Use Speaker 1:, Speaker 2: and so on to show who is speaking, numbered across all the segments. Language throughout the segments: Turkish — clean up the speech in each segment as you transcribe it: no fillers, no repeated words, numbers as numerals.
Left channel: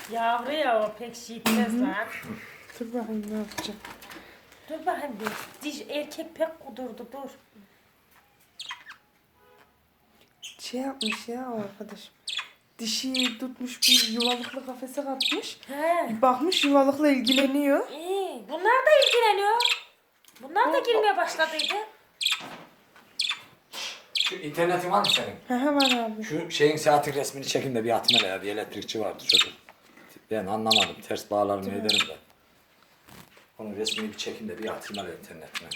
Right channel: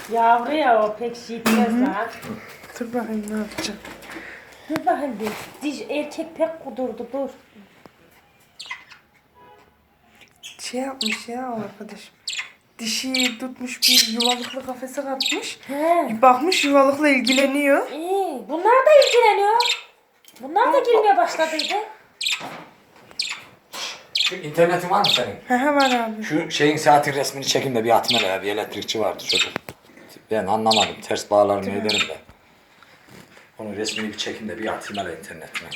Speaker 1: Yavru ya o pek şey etmez lan.
Speaker 2: Dur bakayım ne yapacağım.
Speaker 1: Dur bakayım bir. Diş erkek pek kudurdu dur.
Speaker 2: Şey yapmış ya o arkadaşım. Dişi tutmuş bir yuvalıklı kafese katmış.
Speaker 1: He.
Speaker 2: Bir bakmış yuvalıkla ilgileniyor.
Speaker 1: İyi. Bunlar da ilgileniyor. Bunlar da girmeye başladıydı.
Speaker 3: Şu internetin var mı senin?
Speaker 2: He var abi.
Speaker 3: Şu şeyin saatin resmini çekeyim de bir atma ya. Bir elektrikçi vardı çocuk. Ben anlamadım. Ters bağlar mı ederim de. Onun resmini bir çekeyim de bir atayım hele internetine.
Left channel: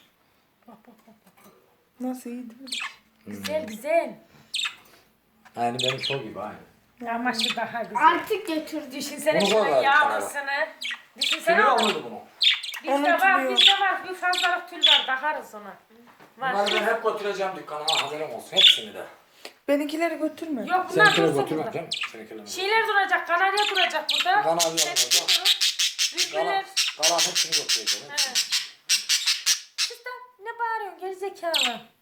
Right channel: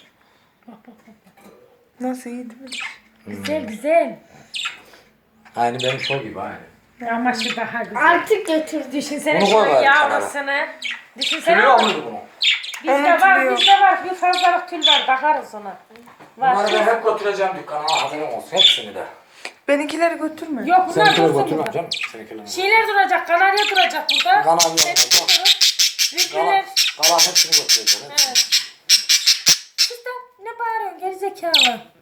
Speaker 2: Nasıl iyi değil mi?
Speaker 1: Güzel güzel.
Speaker 3: Aynı benim şov gibi aynı.
Speaker 1: Ama şu daha güzel.
Speaker 4: Artık götür.
Speaker 1: Düşünsene
Speaker 3: Bunu
Speaker 1: şöyle
Speaker 3: koy bari
Speaker 1: yavrusunu. Düşünsene.
Speaker 3: Sürüyor muydu bunu?
Speaker 2: Onu
Speaker 1: Bizde var. Bir fazlalık tül var. Bakarız ona. Var.
Speaker 3: Bunları ben hep götüreceğim dükkana. Haberim olsun. Hepsini de.
Speaker 2: Benimkileri götürme.
Speaker 1: Yok bunlar
Speaker 3: Seninkileri
Speaker 1: dursun
Speaker 3: götürmem
Speaker 1: burada.
Speaker 3: canım. Seninkileri.
Speaker 1: Şeyler duracak. Kanarya duracak burada.
Speaker 3: Kanarya
Speaker 1: Hepsi
Speaker 3: duracak.
Speaker 1: durur.
Speaker 3: Kalan,
Speaker 1: Rüzgüler.
Speaker 3: kalan hepsini götüreceğim.
Speaker 1: Evet. Siz de ne bağırıyorsun gerizekalı?